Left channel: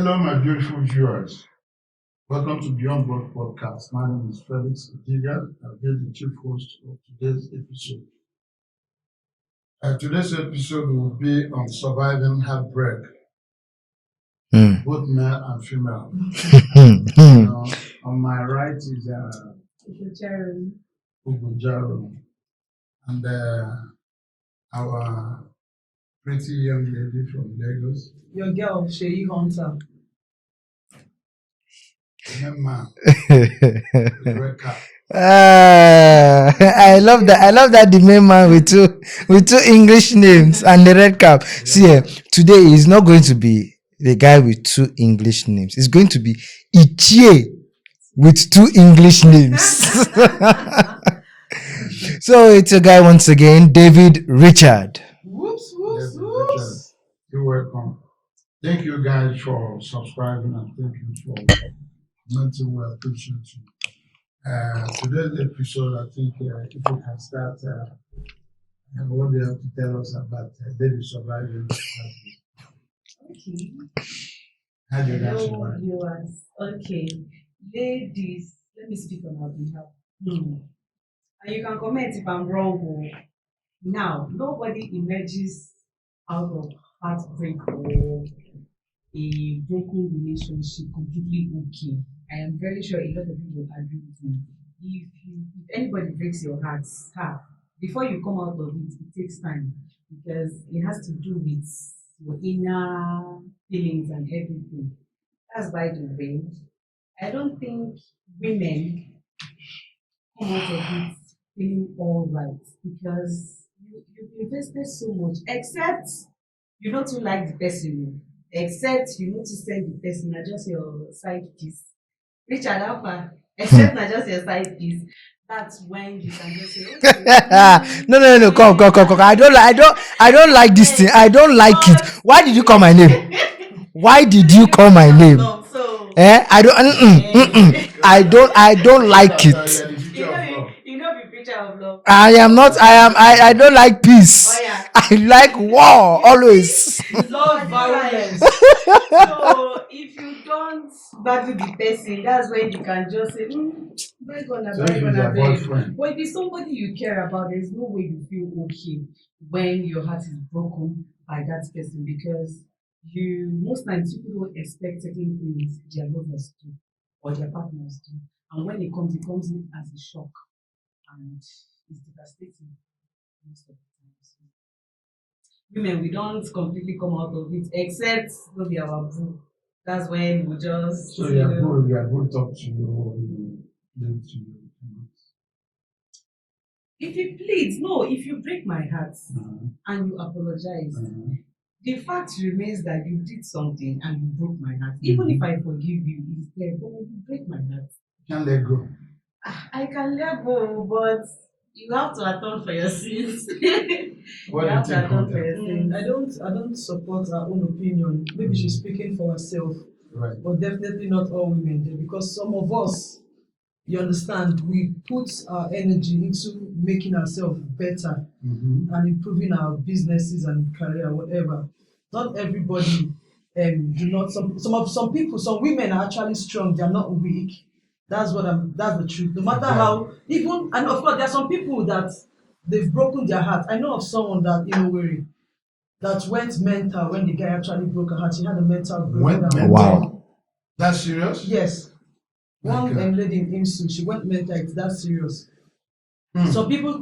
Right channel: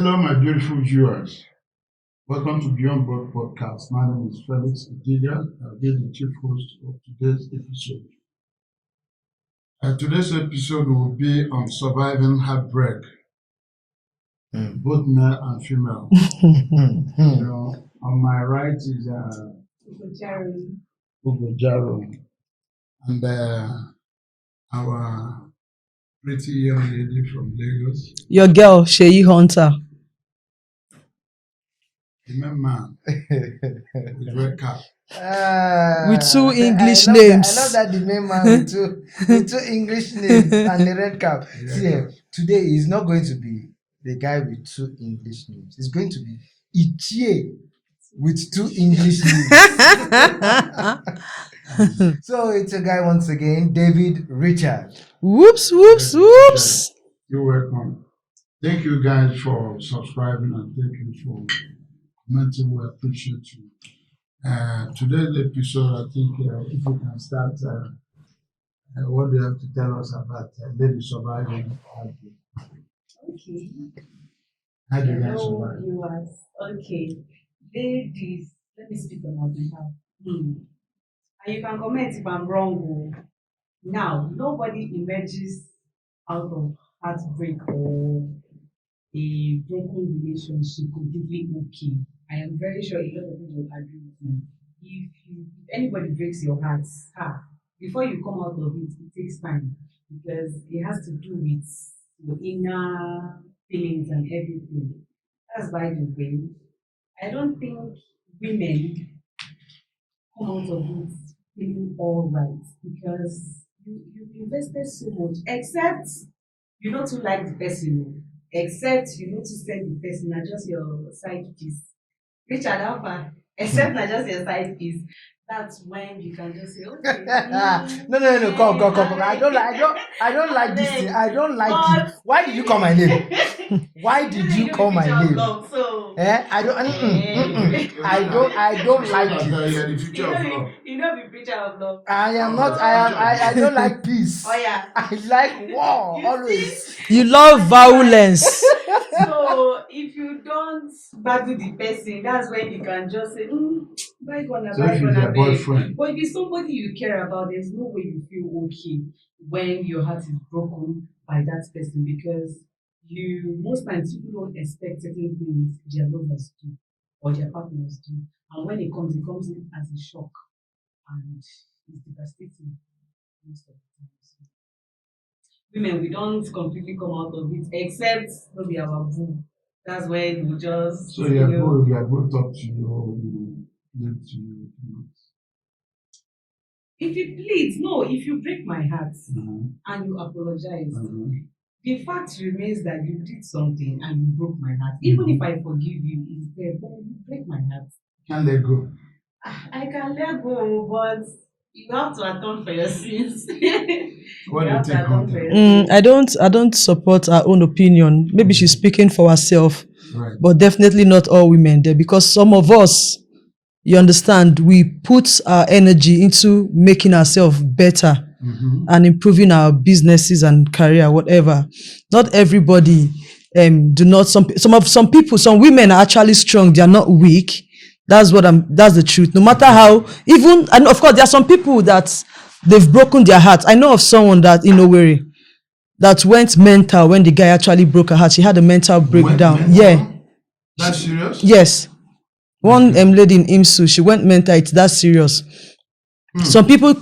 Hello, my beautiful viewers. Welcome to Beyond Broad Podcast. My name is Felix Adiga. I'll be the chief host of today's episode. Today's episode will be on surviving heartbreak, both male and female. On my right is Ugo Jaro, and our pretty young lady from Lagos. Your girl, Sheyi Hunter. Man with red cap. I love names. that. I love that the main man with two English names and the red cap. Yeah. See, today is not going to be the guy with two English names. It's going to be Ichie with two English names. So it's a guy once again, David Richard. Whoops, whoops, whoops. You're welcome. Thank you guys for subscribing and thank you for commenting. We appreciate you. Today's episode, I think if we can start, what do you have to tell us about lady surviving? Okay. How do you guys Hello, survive? viewers. Okay. Ladies, let me speak on our behalf. And you can comment if I'm wrong. Now, nobody emerges out of heartbreak or a broken relationship completely okay. I am very sure a lot of people will agree with me. If anybody breaks your heart, before you come out of it, it takes time because it has to do with your inner feelings and everything. That's by the way. I don't think women come out of it feeling all right because you've invested so much, except you know to like the person, except you know to send the person, not just your side piece. Richard Alpha, except not just your side piece. That's when you can just say, okay. No. Come. I don't like this thing. I don't like it. Why did you call my name? Why did you call my name? So, I don't like it. you know the preacher of love. I don't like peace. Oh yeah. I like war always. You love violence. So if you don't battle the person, that's when you can just say, bygone, So if it's your bygone. boyfriend, But if it's somebody you care about, there's no way you feel okay when your heart is broken by that person because most times people don't expect certain things their lovers do or their partners do. And when it comes in as a shock and it's devastating most of the time. So, women, we don't completely come out of it, except maybe our boo. That's when we just so your boo talk to you, live to you. if you plead, no, if you break my heart and you apologize, the fact remains that you did something and you broke my heart. Even if I forgive you, it's there, but you break my heart. Can't let go. I can let go, but you have to atone for your sins. What You do you have to think, atone for Hunter? your sins. I don't support her own opinion. Maybe she's speaking for herself, Right. but definitely not all women there because some of us, you understand, we put our energy into making ourselves better and improving our businesses and career, whatever. Not everybody some people, some women are actually strong, they are not weak. That's the truth. No matter how, and of course there are some people that they've broken their heart. I know of someone that in Owerri that went mental when the guy actually broke her heart. She had a mental breakdown. mental? Yeah. That's serious? Yes. One lady in IMSU, she went mental. It's that serious. Some people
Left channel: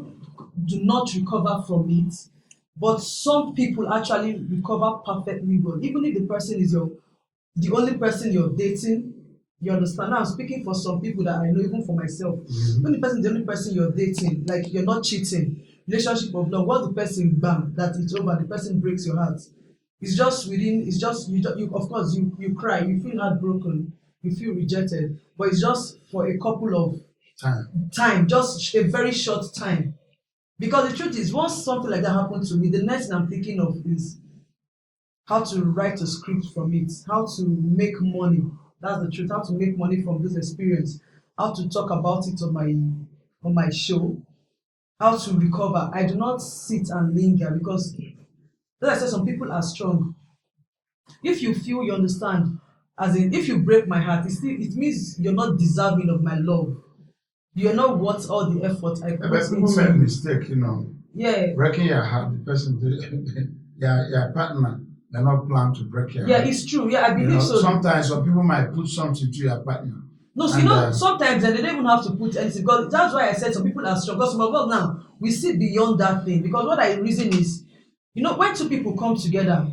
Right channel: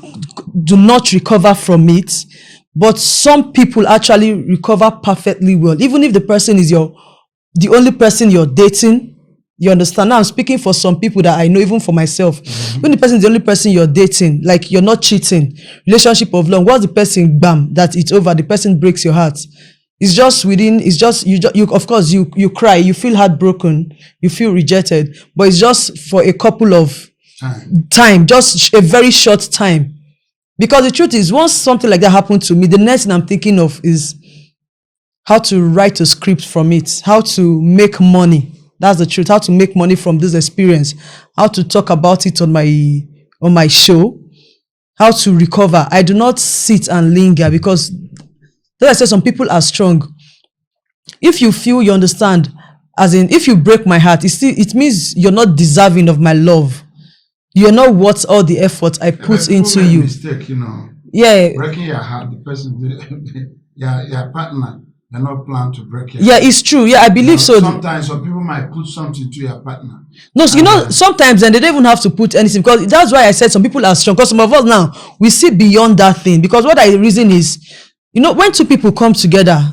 do not recover from it, but some people actually recover perfectly well. Even if the person is the only person you're dating, you understand? Now I'm speaking for some people that I know, even for myself. When the person is the only person you're dating, like you're not cheating, relationship of long, once the person, bam, that it's over, the person breaks your heart. It's just you of course you cry, you feel heartbroken, you feel rejected, but it's just for a couple of time, just a very short time. Because the truth is, once something like that happened to me, the next thing I'm thinking of is how to write a script from it, how to make money. That's the truth. How to make money from this experience, how to talk about it on my show, how to recover. I do not sit and linger because, as I said, some people are strong. If you feel, you understand, as in, if you break my heart, it means you're not deserving of my love. You're not worth all the effort I put into you. Mistake, Yeah. Breaking your heart, the person, your partner, they're not planned to break your Yeah, heart. it's true. Yeah, I believe so. Sometimes some people might put something to your partner. No, sometimes then they don't even have to put anything, because that's why I said some people are strong. Because some of us now, we see beyond that thing. Because what I reason is, when two people come together,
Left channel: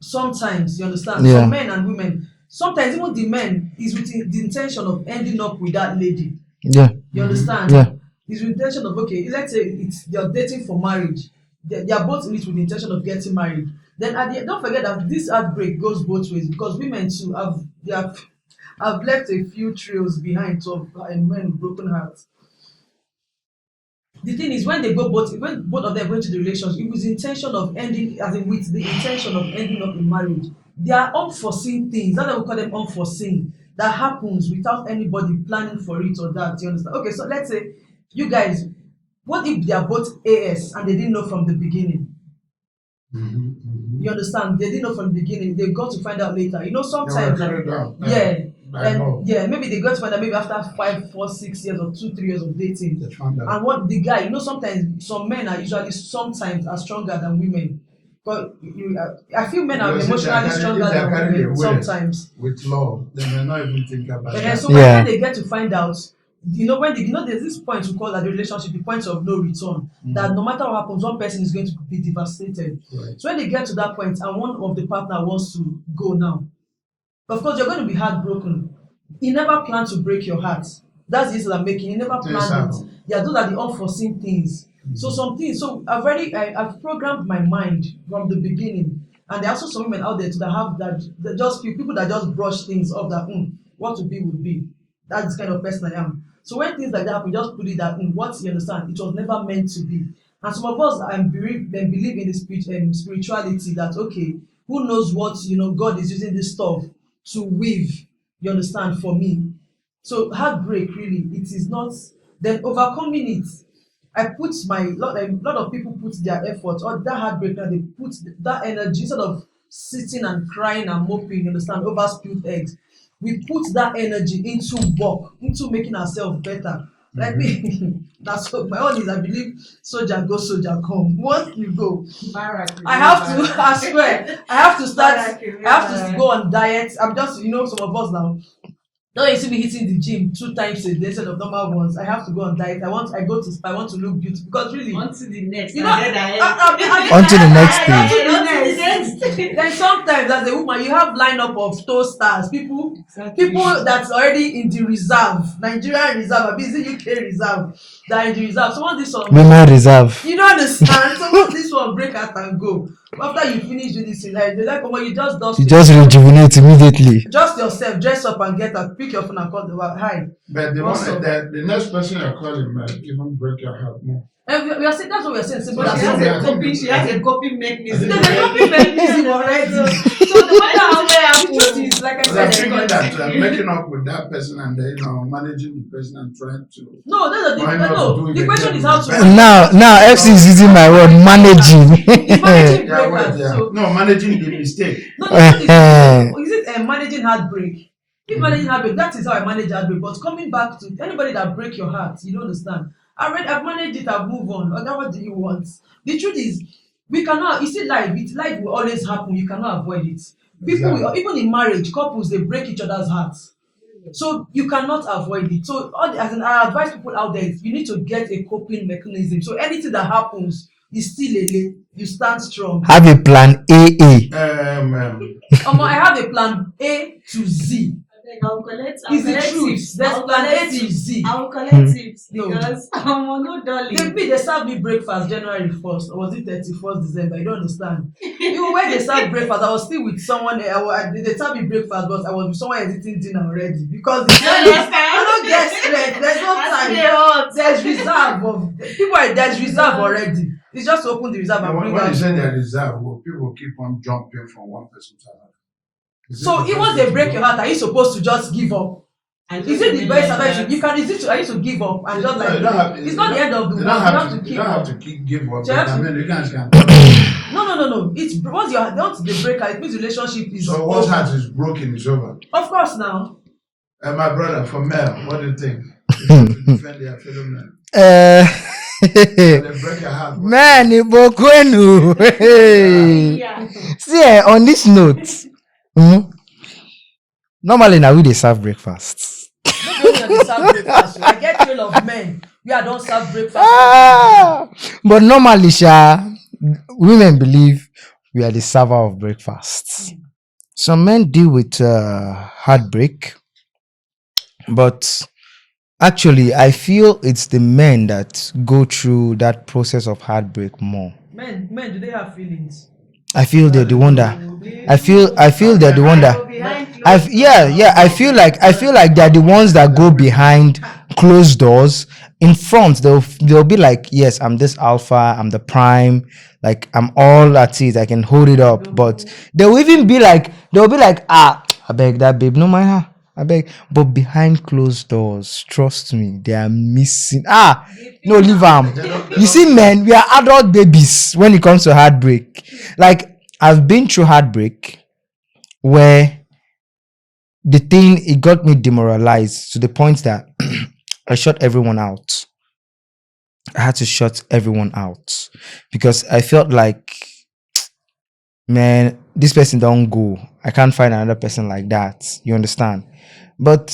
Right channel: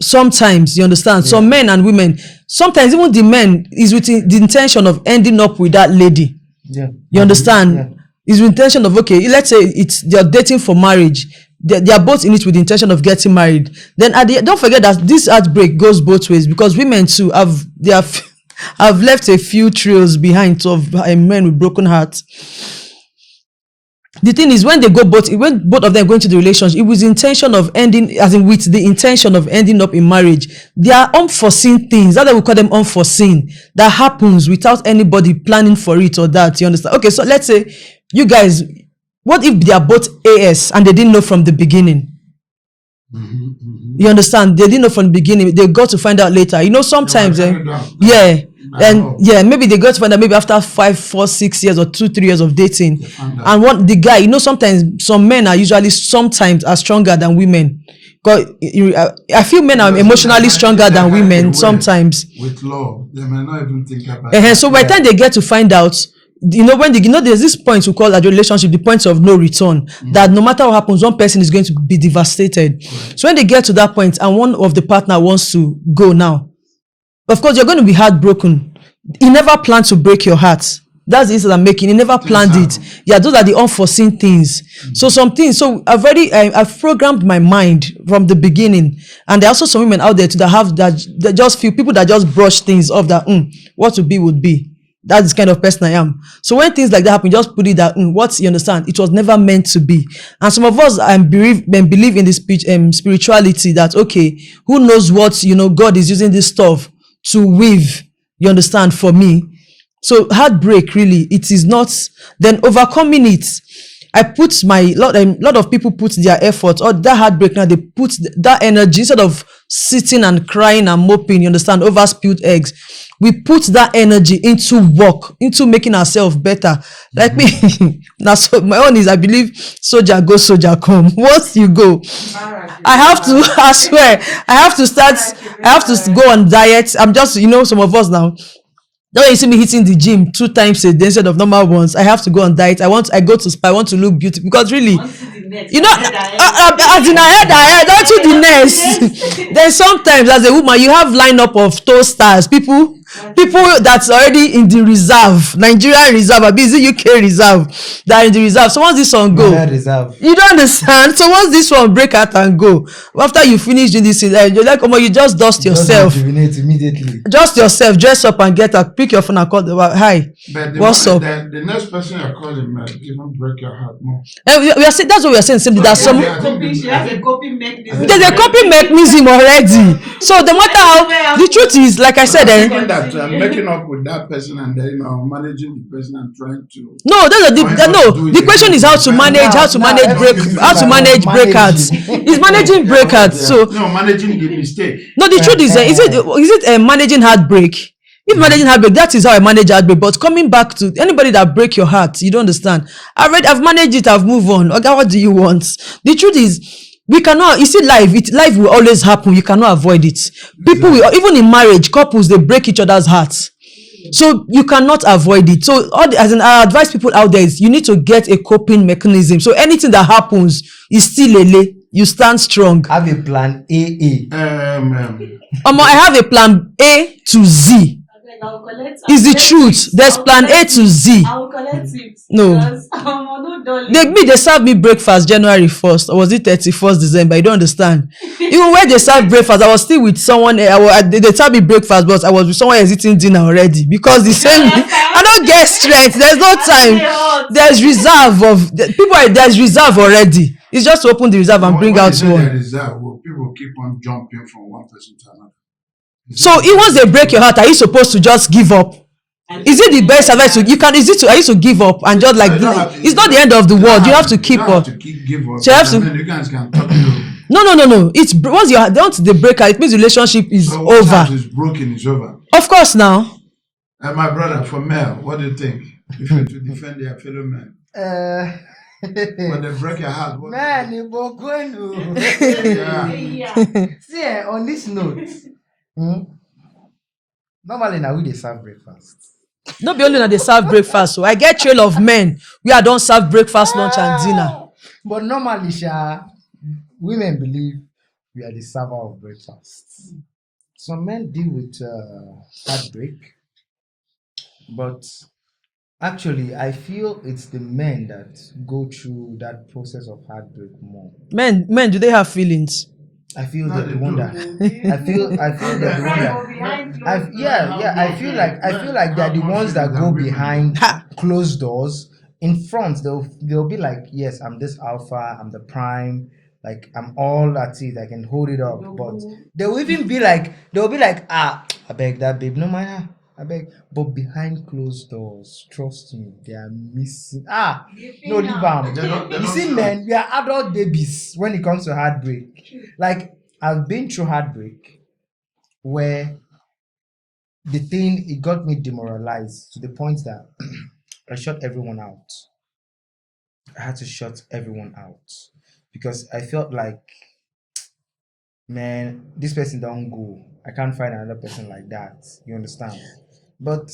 sometimes, you understand, some men and women, sometimes even the men is with the intention of ending up with that lady. Yeah. You understand? Yeah. Is with intention of, okay, let's say they're dating for marriage. They are both in it with the intention of getting married. Then don't forget that this heartbreak goes both ways, because women too have left a few trails behind of men with broken hearts. The thing is, when both of them go into the relationship, it was the intention of ending, as in with the intention of ending up in marriage. There are unforeseen things, that's why we call them unforeseen, that happens without anybody planning for it or that. You understand? Okay, so let's say you guys, what if they are both AS and they didn't know from the beginning? You understand? They didn't know from the beginning. They got to find out later. Sometimes, maybe they got to find out maybe after 5, 4, 6 years or 2, 3 years of dating. And the guy, sometimes some men are sometimes stronger than women. Because I feel men are emotionally stronger than women sometimes. With love, they may not even think about it. So by the time they get to find out, when there's this point we call a relationship, the point of no return, that no matter what happens, one person is going to be devastated. Right. So when they get to that point and one of the partner wants to go now, of course you're going to be heartbroken. He never planned to break your heart. That's the instance I'm making. He never planned it. Yeah, those are the unforeseen things. So some things. So I've programmed my mind from the beginning. And there are also some women out there too that just feel people that just brush things off that what would be would be. That's the kind of person I am. So when things like that happen, just put it that you understand, it was never meant to be. And some of us believe in this spirituality that, okay, who knows what, God is using this stuff to weave, you understand, for me. So heartbreak, really, it is not. Then overcoming it, I put lot of people put their effort, or that heartbreak now, they put that energy, instead of sitting and crying and moping, you understand, over spilled eggs. We put that energy into work, into making ourselves better. Like me, now so my own is, I believe, soldier go, soldier come. Once you go, I swear, I have to go on diet. I'm just, some of us now, now you see me hitting the gym 2 times a day instead of normal ones. I have to go on diet. I go to spa. I want to look beautiful, because really, as in I head to the next. Then sometimes as a woman, you have lineup of toasters, people that's already in the reserve, Nigerian reserve, or busy UK reserve, that are in the reserve. So once this one go, reserve. You don't understand. So once this one break out and go, after you finish doing this, you're like, you just dust yourself. Just rejuvenate immediately. Just yourself, dress up and get up. Pick your phone and call them. Hi. What's up? The next person you're calling might even break your heart more. We are saying, that's what we are saying. Simply that she has a coping mechanism. There's a coping mechanism already. So the matter how the truth is, like I said, I'm making up with that person and then managing the person and trying to. No, the question is how to manage. He's managing breakouts. So managing the mistake. No, the truth is it managing heartbreak? If managing heartbreak, that is how I manage heartbreak. But coming back to anybody that break your heart, you don't understand. I've managed it, I've moved on. Okay, what do you want? The truth is, we cannot, you see, life will always happen. You cannot avoid it. People will, even in marriage, couples, they break each other's hearts. So you cannot avoid it. So I advise people out there is, you need to get a coping mechanism. So anything that happens is still you stand strong. Have a plan AA. I have a plan A to Z. Is the truth. There's plan A to Z. I'll collect it. No. They served me breakfast January 1st, or was it 31st December? I don't understand. Even when they served breakfast, I was still with someone. They served me breakfast, but I was with someone else eating dinner already, because they send me. I don't get strength. There's no time. There's reserve of people. There's reserve already. It's just to open the reserve and bring out one. People keep on jumping from one person to another. So once they break your heart, are you supposed to just give up? Is it the best advice? Are you to give up and just like it's not the end of the world. You have to keep up. Give up. So you have to. No. It's once they break up, it means the relationship is So once over. it's broken, it's over. Of course, now. And my brother, for male, what do you think? They should to defend their fellow men. When they break your heart. Man, Ibokwenu. See, on this note, normally now we dey serve breakfast. Not be only that they serve breakfast. So I get trail of men. We don't serve breakfast, lunch, and dinner. But normally, women believe we are the server of breakfast. Some men deal with heartbreak, but actually, I feel it's the men that go through that process of heartbreak more. Men, do they have feelings? I feel they're the one that I feel they're the one that I feel like they're the ones that go behind closed doors. In front, they'll be like, yes, I'm this alpha, I'm the prime, like I'm all at it, I can hold it up. But they'll be like, I beg that babe, no mind her. I beg. But behind closed doors, trust me, they are missing. No, leave them. You see, men, we are adult babies when it comes to heartbreak. Like, I've been through heartbreak where it got me demoralized to the point that I shut everyone out. I had to shut everyone out because I felt like, man, this person don't go. I can't find another person like that. You understand? But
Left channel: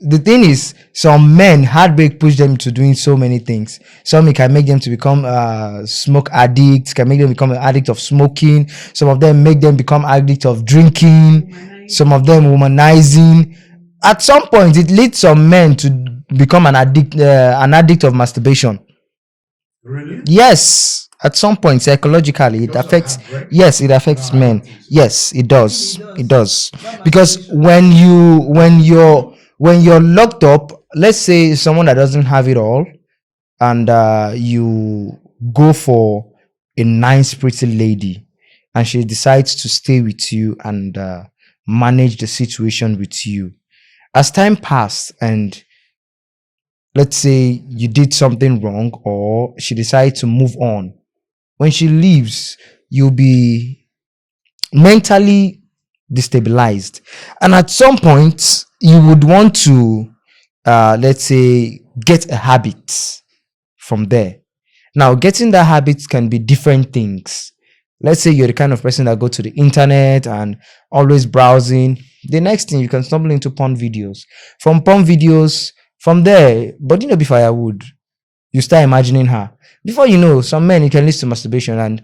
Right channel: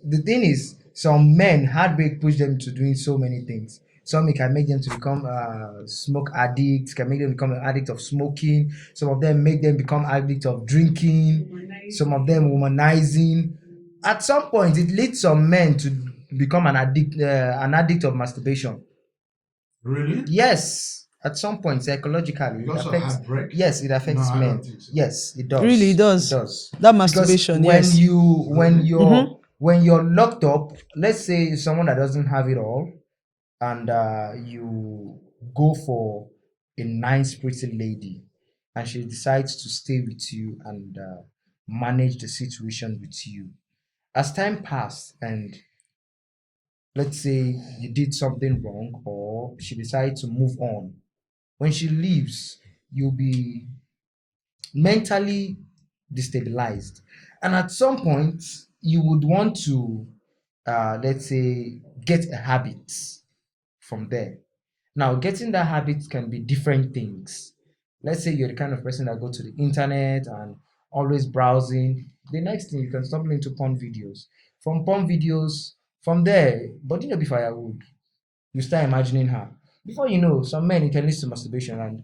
the thing is, some men, heartbreak push them to doing so many things. Some can make them to become smoke addicts, can make them become an addict of smoking. Some of them make them become addict of drinking. Some of them womanizing. At some point, it leads some men to become an addict of masturbation. Really? Yes. At some point, psychologically, it affects. Yes, it affects men. Yes, it does. Really, it does. It does. That Because masturbation, when you're locked up, let's say someone that doesn't have it all, and you go for a nice, pretty lady, and she decides to stay with you and manage the situation with you. As time passed, and let's say you did something wrong, or she decides to move on. When she leaves, you'll be mentally destabilized. And at some point, you would want to, let's say, get a habit from there. Now, getting that habit can be different things. Let's say you're the kind of person that go to the internet and always browsing. The next thing, you can stumble into porn videos. From porn videos, from there, body no be firewood. You start imagining her. Before you know, some men, it can lead to masturbation and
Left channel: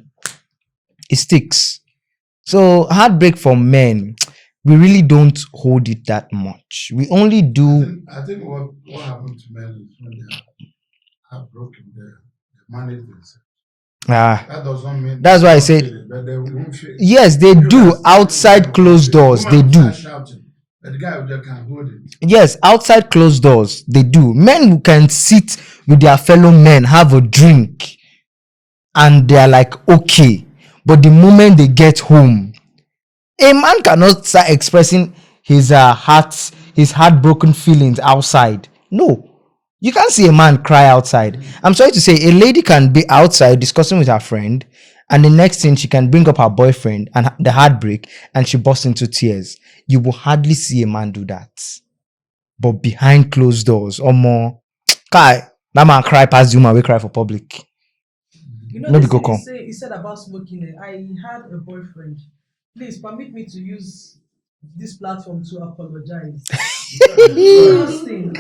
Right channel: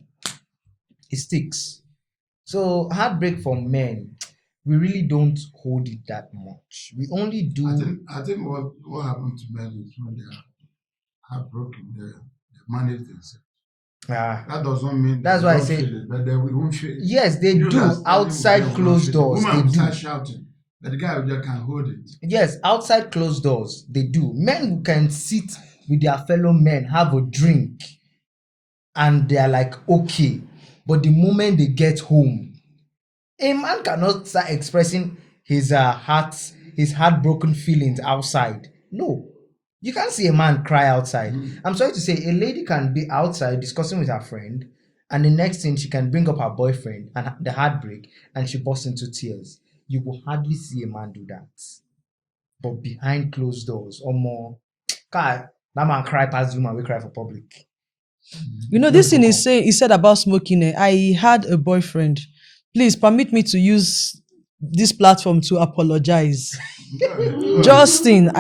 it sticks. So heartbreak for men, we really don't hold it that much. We only do. I think what happened to men is when they're heartbroken, they manage themselves. That doesn't mean. That's why I say. But they won't feel it. Yes, they do outside closed doors. They do. Shouting, but the guy just can't hold it. Yes, outside closed doors, they do. Men who can sit with their fellow men, have a drink, and they're like, okay. But the moment they get home, a man cannot start expressing his heartbroken feelings outside. No. You can't see a man cry outside. I'm sorry to say, a lady can be outside discussing with her friend, and the next thing she can bring up her boyfriend and the heartbreak, and she bursts into tears. You will hardly see a man do that. But behind closed doors, or more, that man cry past the woman, we cry for public. You know, this thing he said about smoking. I had a boyfriend. Please permit me to use this platform to apologize. Justin,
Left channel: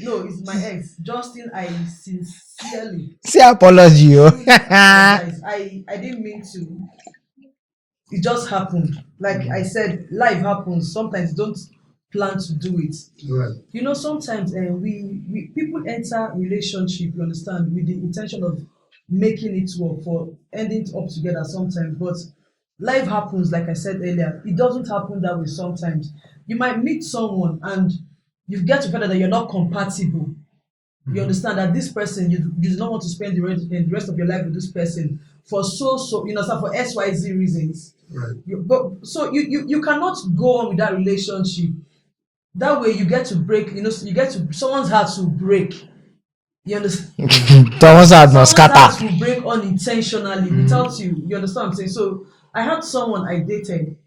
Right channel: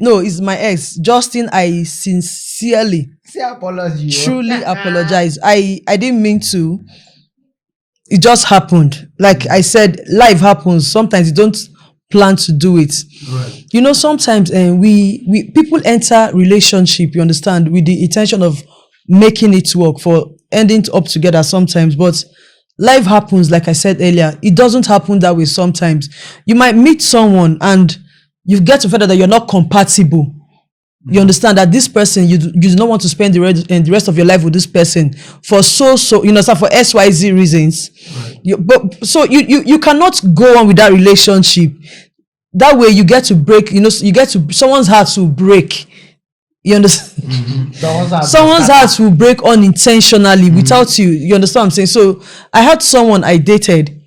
no, it's my ex. Justin, I sincerely apology. Truly apologize. I didn't mean to. It just happened. Like I said, life happens. Sometimes you don't plan to do it. Right. You know, sometimes we people enter relationship, you understand, with the intention of making it work, for ending up together sometimes, but life happens. Like I said earlier, it doesn't happen that way. Sometimes you might meet someone and you get to find out that you're not compatible. You understand that this person, you do not want to spend the rest of your life with this person for so for XYZ reasons. Right. You cannot go on with that relationship. That way you get to break, someone's heart will break. You understand? Someone's Someone's heart will break unintentionally without you. You understand what I'm saying? So I had someone I dated.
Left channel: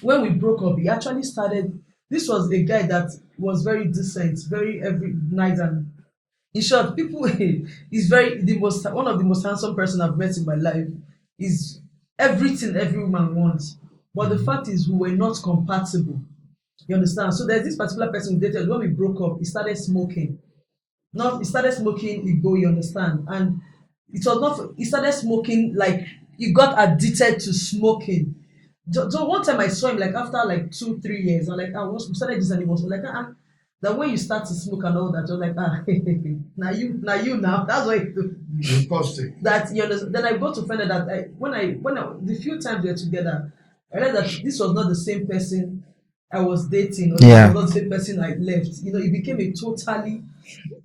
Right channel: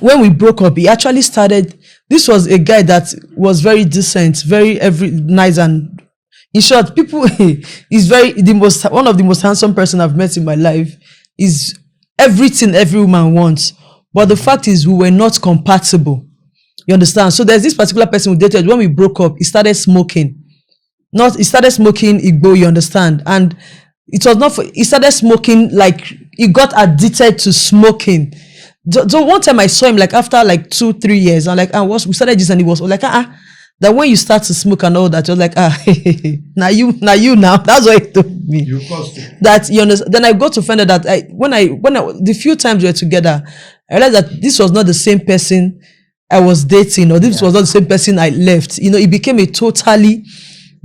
When we broke up, he actually started. This was a guy that was very decent, very nice, and in short, people. He's one of the most handsome person I've met in my life. Is everything every woman wants, but the fact is we were not compatible. You understand? So there's this particular person we dated. When we broke up, he started smoking. He started smoking Igbo, you understand? And it was not he started smoking, like he got addicted to smoking. So one time I saw him, like after like 2-3 years, I'm like, we started this, and he was like, that when you start to smoke and all that, you're like, now you now. That's what he told me. That you understand. Then I got to find out that when the few times we were together, I realized that this was not the same person I was dating, or this was not the same person I left. You know, it became a totally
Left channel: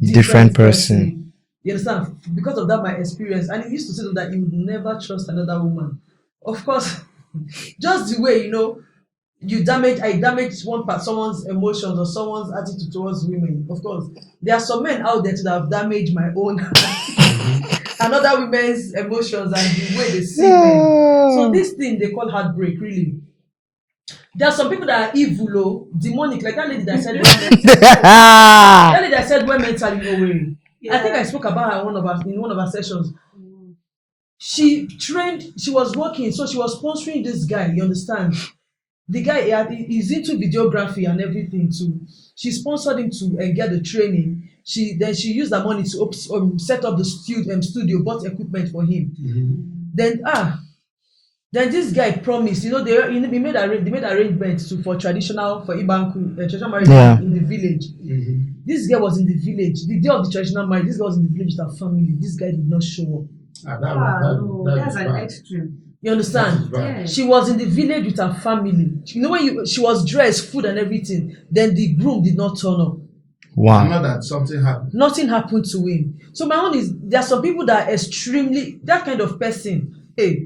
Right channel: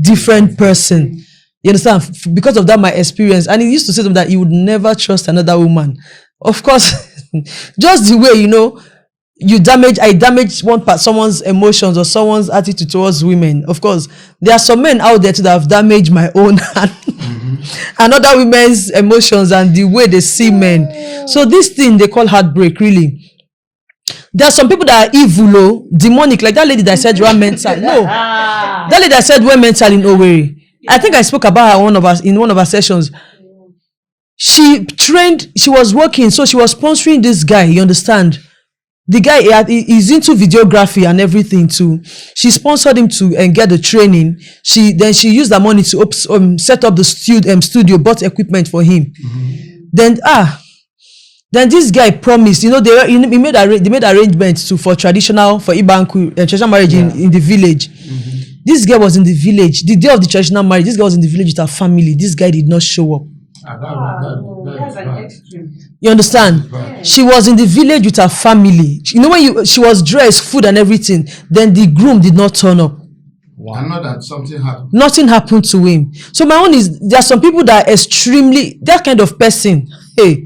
different person. You understand? Because of that, my experience. And he used to say to me that he would never trust another woman. Of course, just the way, you know, I damage someone's emotions or someone's attitude towards women. Of course, there are some men out there too that have damaged my own and other women's emotions and the way they see men. So this thing they call heartbreak, really. There are some people that are evil, demonic, like that lady that said ran mental. No. That lady that said went mental in Owerri. I think I spoke about her in one of our sessions. She was working, so she was sponsoring this guy, you understand? The guy is into videography and everything too. She sponsored him to get the training. She used the money to set up the studio, bought equipment for him. Then this guy promised, you know, they made arrangements for traditional marriage in the village. This girl was in the village. The day of the traditional marriage, this girl was in the village with her family. This guy did not show up. That's an extreme. You understand? Yeah. She was in the village with her family. You know, when she was dressed, food and everything, then the groom did not turn up. Wow. I know that something happened. Nothing happened to him. So my own is, there are some people that are extremely, that kind of person, hey,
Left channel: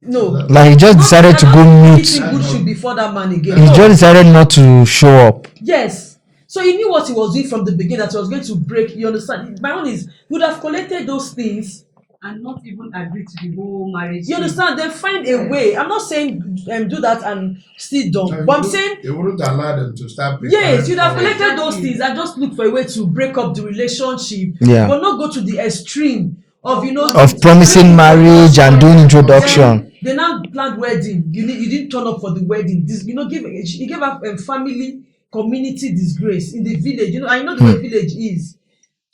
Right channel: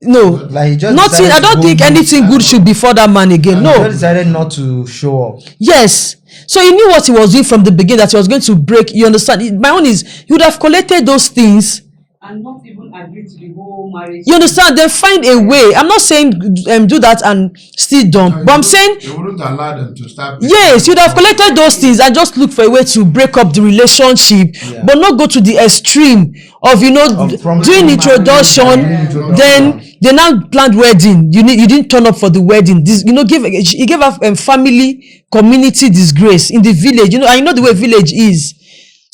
no. Like he just Nothing, decided I don't to think go, anything good should befall that man again. he No. just decided not to show up. Yes. So he knew what he was doing from the beginning, that he was going to break. You understand? My own is, he would have collected those things and not even agree to the whole marriage. You understand? Then find a way. I'm not saying do that and still dump, but I'm saying you wouldn't allow them to start. yes, you'd have collected those things and just look for a way to break up the relationship, but not go to the extreme of promising doing marriage and doing introduction. Then they now planned wedding. You didn't turn up for the wedding. He gave a family community disgrace in the village. I know the way village is.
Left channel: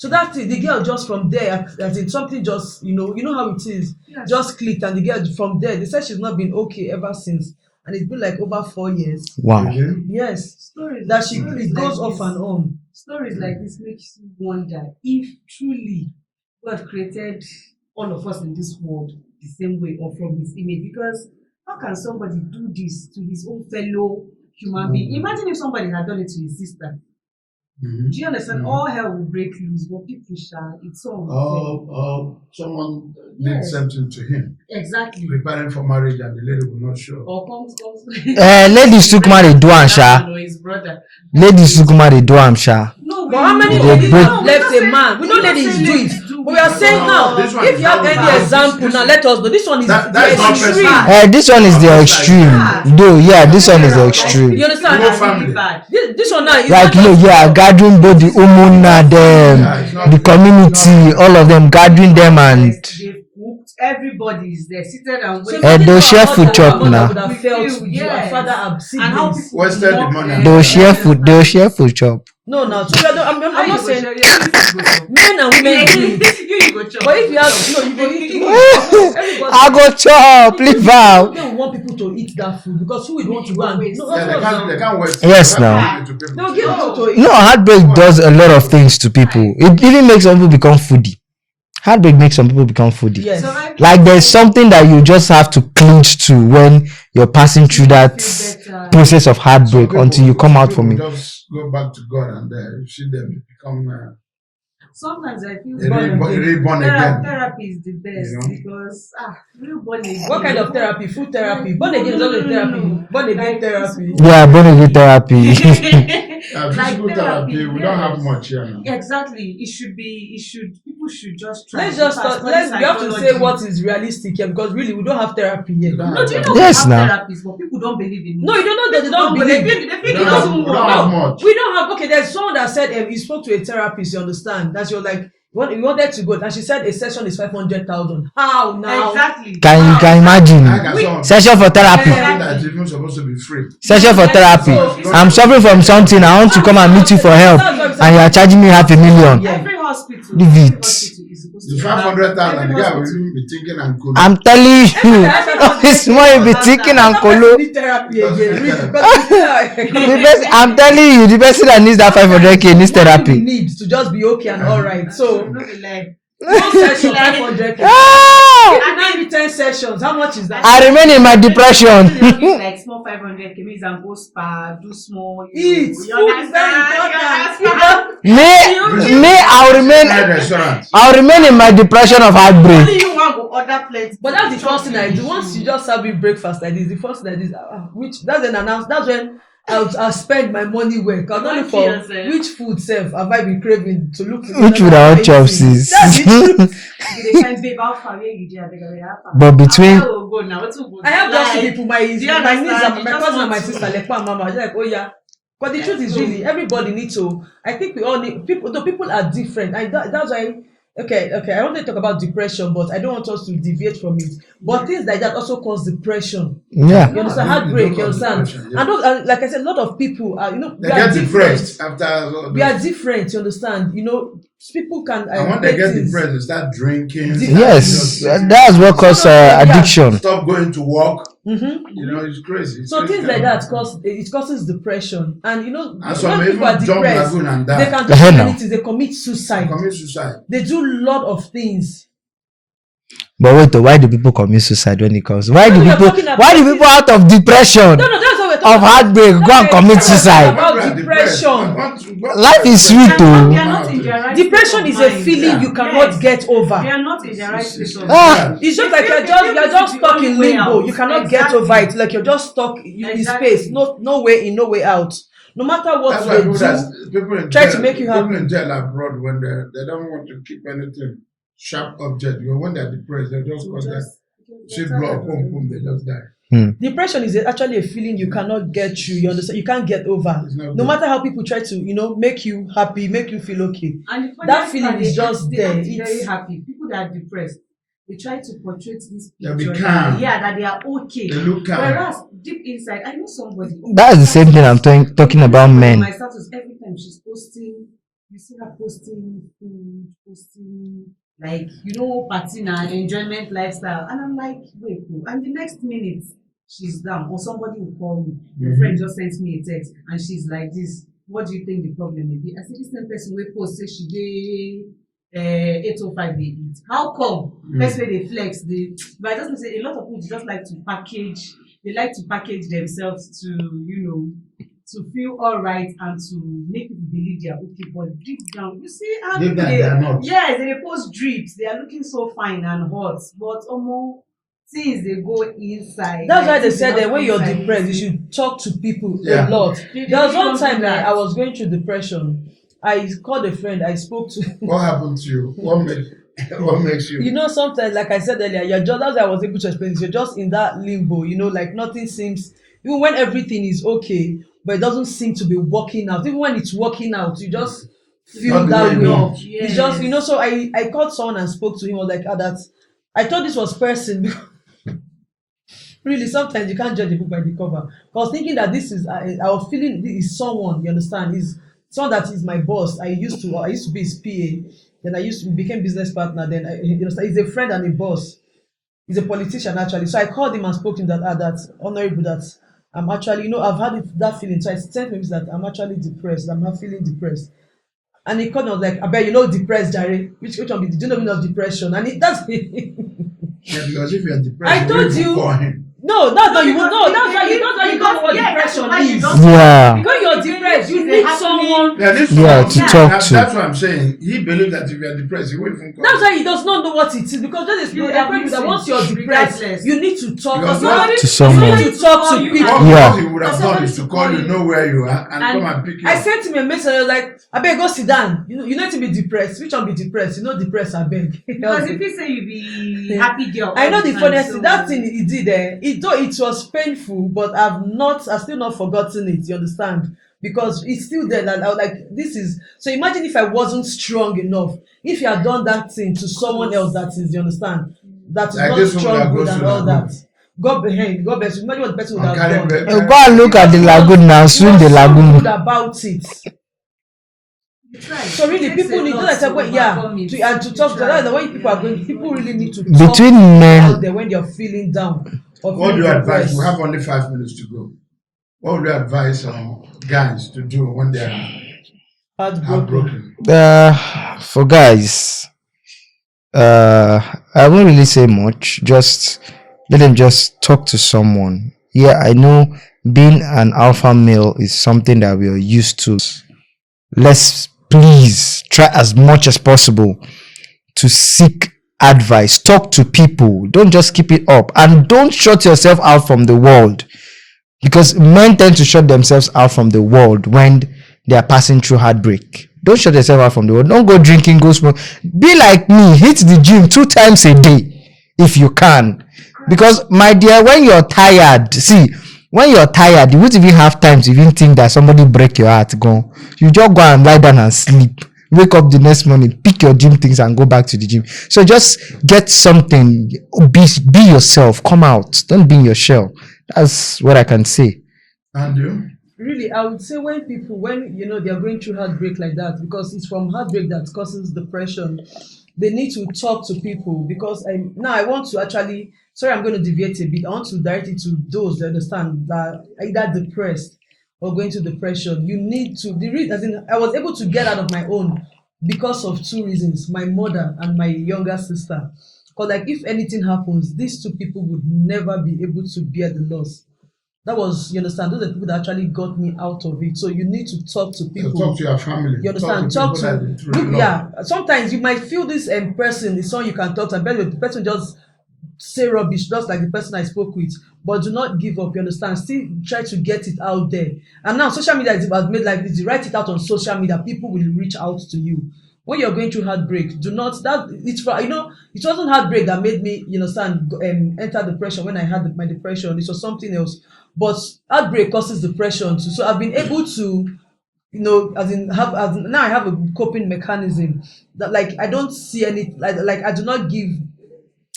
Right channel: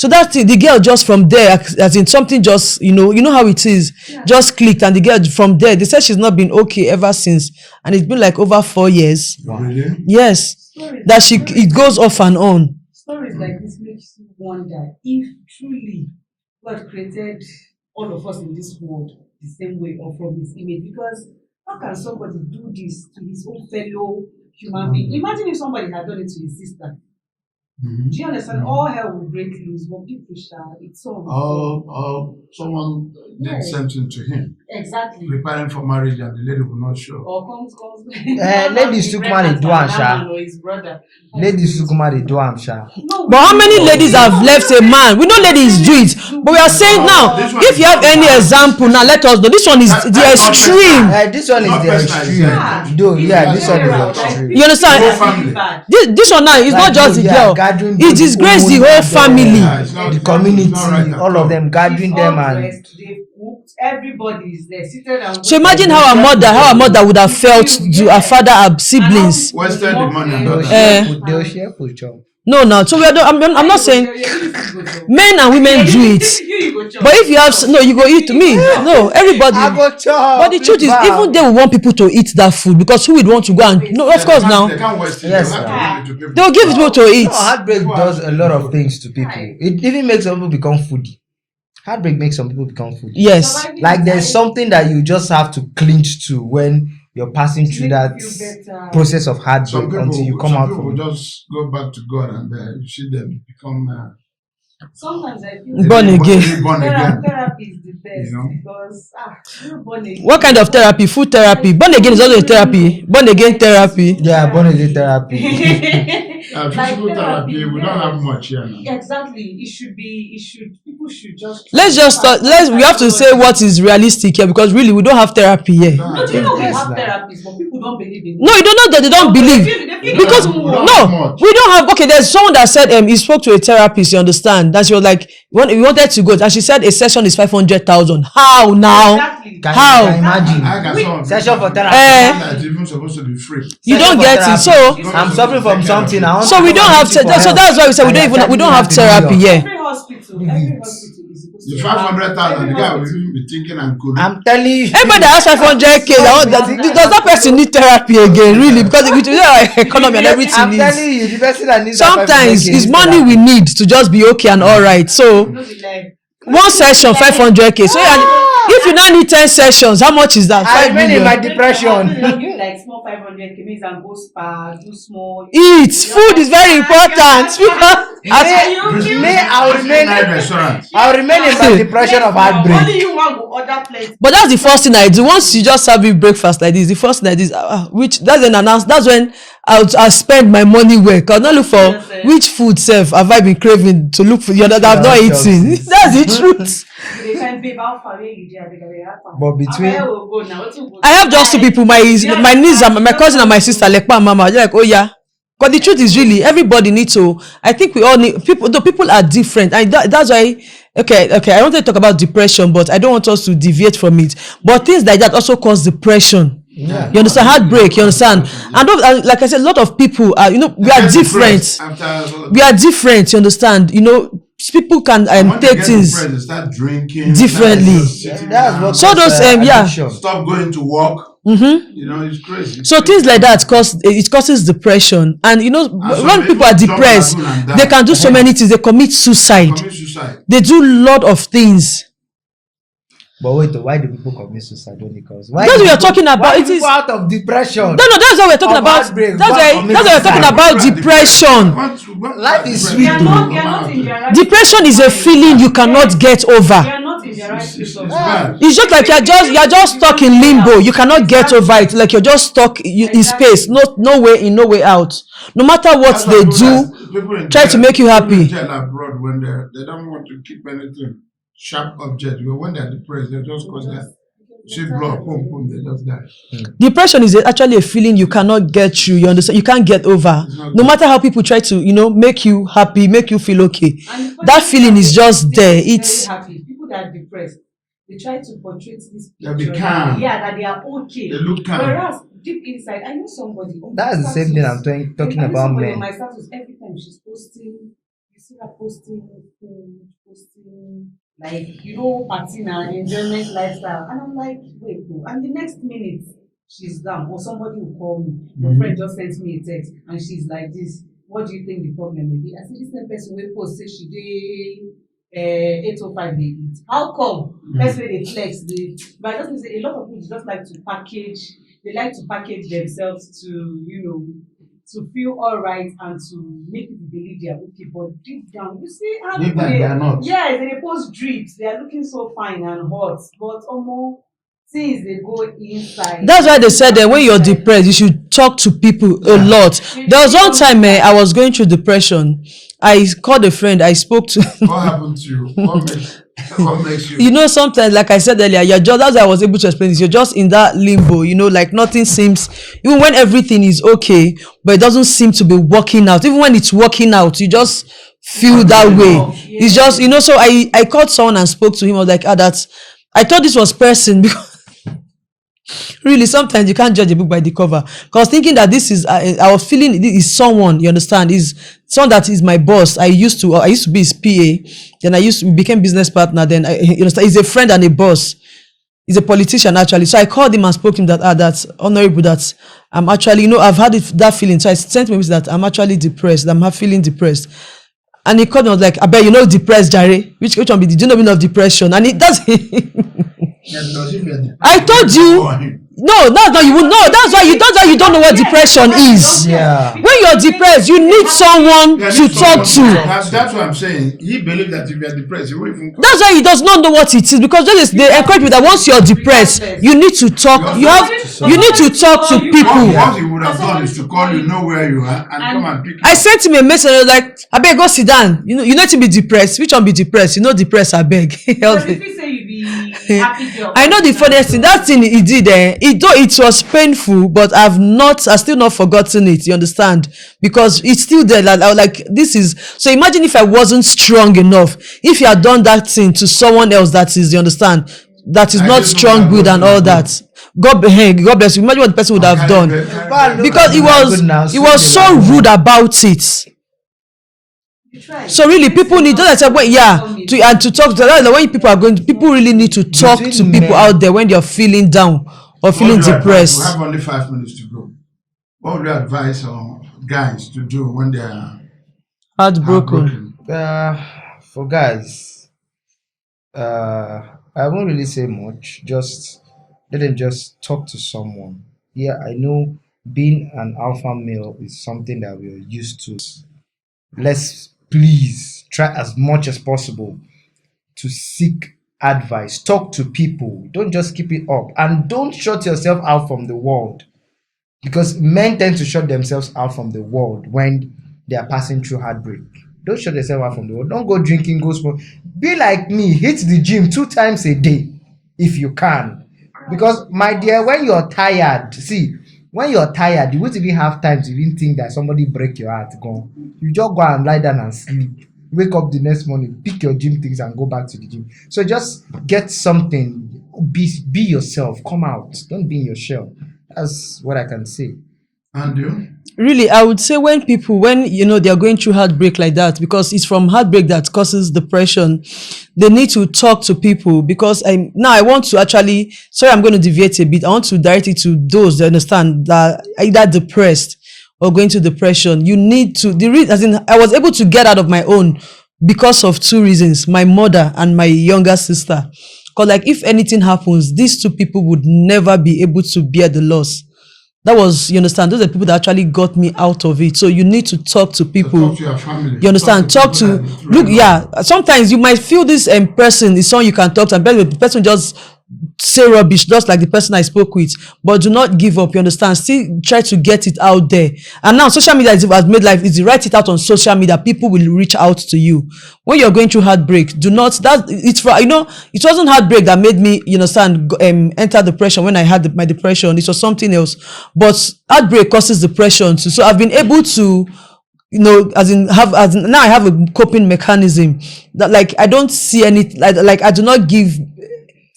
So that the girl just from there, as in something just, you know how it is, just clicked, and the girl from there, they said she's not been okay ever since, and it's been like over 4 years. Wow. Really? Yes, it goes off and on. Stories like this makes you wonder if truly God created all of us in this world the same way or from His image. Because how can somebody do this to his own fellow human being? Imagine if somebody had done it to his sister. Do you understand? All hell will break loose, but people shall. It's so someone did something to him. Exactly. Preparing for marriage, and the lady will not show. Or comes. Ladies took marry do am sha. His brother. Ladies took marry do am sha. No, But how many ladies have left a man? We know ladies do it, but we are saying now, if you have any example, now let us know. This one is the extreme. This one is the extreme. Though, this one is the extreme. You understand? Whole family. This one now is Like, not just the girl. gathering It both disgraces the women whole and family. the community, all of them gathering them, and They've cooked, everybody is there seated and So waiting. imagine they'll how share food our chop mother now. would have felt to her father, her siblings. Wasted the money. they'll share food. They'll share food chop. No. So I'm not saying men and women do it. But if you have you go eat me. No, everybody. I go But chop. the truth is, even they will want people to eat that food, because who would want to go and no, of course now Yes, now. they'll give people to eat. No, heartbreak does a lot of things to people. It even makes some people become foodie. Heartbreak makes some people become foodie. Yes. Like there's something that you just have to clinch to when you're passing through that process of heartbreak until you come out from it. Just go back to God, and you see them become Sometimes I feel Born again. Born again. therapy is the best, You know? because you're born again. What kind of therapy? Food therapy. Born again is also a therapy. Born again therapy. Yeah, born again therapy. Physical therapy, we don't have much here. Exactly. People should just. Let's just start. We have to say what is realistic here because really we don't have therapy here. No, do you know Yes, we have now. therapies, but people don't believe in it. No, you don't know that they don't believe. They feel Because we don't have much. we don't have. Okay, there's someone that said he spoke to a therapist. You understand? That she was like, we wanted to go, and she said a session is 500,000. How now? Exactly. Can How? you can imagine? I can Session for therapy. That's even supposed to be free. Session for don't get it, therapy. so- I'm suffering from something. I want So to we come don't and have meet you for so help. that's why we said And we you're don't charging me have half a therapy. million. Yeah. Every hospital. Leave every it. hospital is supposed The to have- 500,000, the guy will every even be thinking and cool. I'm telling you. Everybody that has 500k, This one be thinking that and person kolo. need therapy again, really, because if you do our economy and everything. I'm telling you, the person that needs that sometimes 500k it's needs money we therapy. need to just be okay and all right. So hospital. Like, one session 500k. So if you now need 10 sessions, how much is that? I remain in my If depression. like small 500k means I'm go spa, do small. Eat. Food is very important. I'll remain in my depression of heartbreak. Only you want go order plenty. But that's the first thing I do. Once you just serve me breakfast like this, the first thing I do is which that's an announce. That's when I'll spend my money well. Cause not look for which food serve have I been craving to look for. You know Which that I'm not food I want eating. chopsticks? That's the truth. They find babe how far away you dey, they go, yeah, far. But between- How far we go now? What you go I have just two buy? people, my niece and my cousin and my sister, Lekpa and Mama. They're like, oh yeah. But the truth is really everybody needs to. I think we all need people. Though people are different, and that's why. Okay. I wanted to talk about depression, but I don't want us to deviate from it. But things like that also cause depression. Yeah. You understand? Heartbreak. You understand? And like I said, a lot of people are. We are different. We are different. You understand? People can take things Start drinking. differently. Yes, that's what So causes those, yeah. addiction. Stop going to work. Mm-hmm. It's crazy. So things like that causes depression, and some when people are even jump depressed, lagoon and die. they can do so many things. They commit suicide. Commit suicide. They do a lot of things. But wait, why do people commit suicide when it comes? Why Because do we are people, talking about why do it people is- out of depression? No, that's what we're talking Of about. heartbreak, go and commit That's what we're suicide. talking about People are depression. depressed. Life is sweet, They are though. not in their right Depression is a mind. feeling you cannot get They over. are not in their right state of Ah. It's just like you're just stuck in limbo. You cannot get over it. Like you're just stuck in space. No way out. No matter what they do, try to make you happy. People in jail abroad when they don't want to keep anything sharp object. When they're depressed, they just cause their see blood, boom, they just die. Depression is actually a feeling you cannot get through. You understand? You can't get over. No matter how people try to, make you happy, make you feel okay. And That feeling is just there. Very It's happy. People that are depressed, they try to portray this They be picture. calm. Yeah, that they are okay. They look calm. Whereas deep inside, I know somebody. That's the same thing I'm talking about men. My status every time she's posting, you see her posting food, posting like party and enjoyment lifestyle, and I'm like, wait, no. And the next minute she's down, or somebody will call me. My friend just sends me a text, and she's like, "This, what do you think the problem may be?" I said, "This same person will post say she dey 805 they eat. How come? Let's say they flex. But I just say a lot of people just like to package. They like to package themselves to to feel all right and to make people believe they are okay. But deep down, you see how Deep down, they are not. Yeah, they post drips. They are looking so fine and hot, but almost things they go inside. That's why they said that when you're depressed, you should talk to people a lot. There was one time I was going through depression. I called a friend. I spoke to. What happened to you? What makes you? Sometimes, like I said earlier, that's why I was able to explain this. You're just in that limbo, like nothing seems, even when everything is okay, but it doesn't seem to be working out. Even when it's working out, you just feel that way. Yeah. It's just, so I called someone and spoke to him. I was like, I thought this was person because really sometimes you can't judge a book by the cover. Because thinking that this is, I was feeling this is someone, you understand, is someone that is my boss. I used to be his PA. Then we became business partner. Then he's a friend and a boss. He's a politician actually. So I called him and spoke to him that's honorable, that I'm actually, I've had that feeling. So I sent him that I'm actually depressed. I'm feeling depressed. And he called me, I was like, I bet depressed, Jare. Which one be? Did you know me of depression? And it does. Because if you're depressed, I told you. No, that's why you don't don't know what depression is. Yeah. When you're depressed, you need someone Yeah, to this- talk Yes, to. talk That's to. what I'm saying. He believes that if you're depressed, you won't even come. That's why he does not know what it is, because they encourage you that once you're depressed, you need to talk. You need to talk to people. Yeah. What he would have done is to call you, know where you are, and come and pick you I up. sent him a message. I was like, I beg, go sit down. You need to be depressed. Which one be depressed? You know, depressed. I beg. Because if you say you be happy girl. I know the funniest thing. That thing he did. It was painful, but I still not forgotten it. You understand? Because it's still there. Like, I was like, this is. So imagine if I wasn't strong enough. If you had done that thing to someone else, that is, you understand, that is Like not this strong, one, good, God and bless all you. that. God bless you. Imagine what the person would have done. Go and look Because at the he lagoon now. was Swim the so lagoon. rude about it. So really, people need, just like I said, to talk to them. When people are going, people really need to talk Between to people men- out there when you're feeling down or What feeling would you advise? depressed. We have only 5 minutes to go. What would you advise guys to do when they are Heartbroken. heartbroken? For guys, I won't really say much. Just let them just talk to someone. Yeah, I know being an alpha male is something that we are used to. Let's please try as much as possible to seek advice. Talk to people. Don't just keep it up, and don't shut yourself out from the world, because men tend to shut themselves out from the world when they are passing through heartbreak. Don't shut yourself out from the world. Don't go drinking, go smoke. Be like me, hit the gym 2 times a day if you can. Because my dear, when you're tired, when you're tired, you won't even have time to even think that somebody break your heart. Go, you just go and lie down and sleep. Wake up the next morning, pick your gym things and go back to the gym. So just get something. Be yourself. Come out. Don't be in your shell. That's what I can say. And you? Really, I would say when they are going through heartbreak like that, because it's from heartbreak that causes depression, they need to talk to people. Because I want to actually, sorry, I'm going to deviate a bit. I want to direct it to those that understand that either depressed or going to depression. You need to, I was able to get out of my own because of 2 reasons: my mother and my younger sister. Because like if anything happens, these 2 people would never be able to bear the loss. That was, you understand, those are the people that actually got me out of it. So you need to talk to people. Talk to your family. You understand? Sometimes you might feel this person is someone you can talk to, and the person just say rubbish, just like the person I spoke with. But do not give up. You understand? Still try to get it out there. And now social media has made life easy. Write it out on social media. People will reach out to you. When you're going through heartbreak, do not, it wasn't heartbreak that made me, you understand, enter depression. When I had my depression, it was something else. But heartbreak causes depression too. So I've been able to, now I have a coping mechanism that, like, I don't see any, like I do not give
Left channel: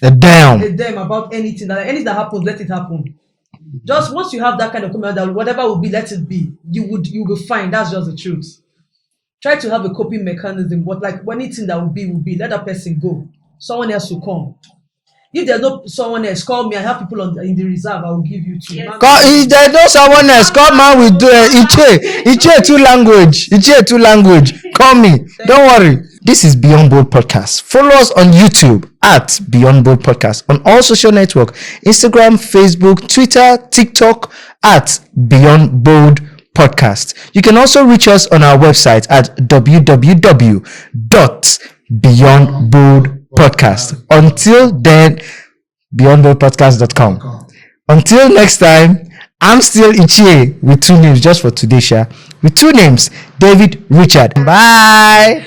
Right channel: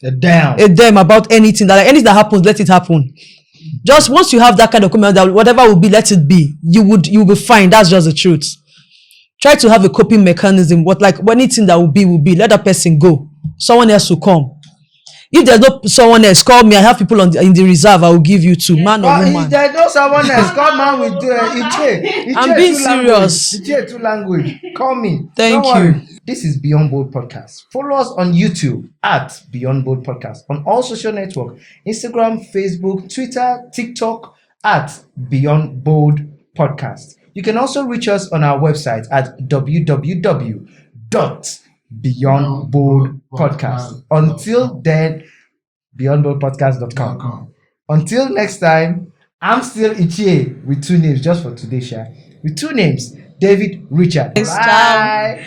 a damn about anything. That, like, anything that happens, let it happen. Just once you have that kind of commitment, that whatever will be, let it be. You will be fine. That's just the truth. Try to have a coping mechanism. What, like, anything that will be. Let that person go. Someone else will come. If there's no someone else, call me. I have people in the reserve. I will give you 2. Man, If there's no someone else, come man, we do it. Iche 2 language. Iche 2 language. Call me. Don't worry. This is Beyond Bold Podcast. Follow us on YouTube at Beyond Bold Podcast. On all social networks, Instagram, Facebook, Twitter, TikTok at Beyond Bold Podcast. You can also reach us on our website at www.beyondboldpodcast. Until then, beyondboldpodcast.com. Until next time, I'm still Ichie with 2 names just for today, Sha. With 2 names, David Richard. Bye.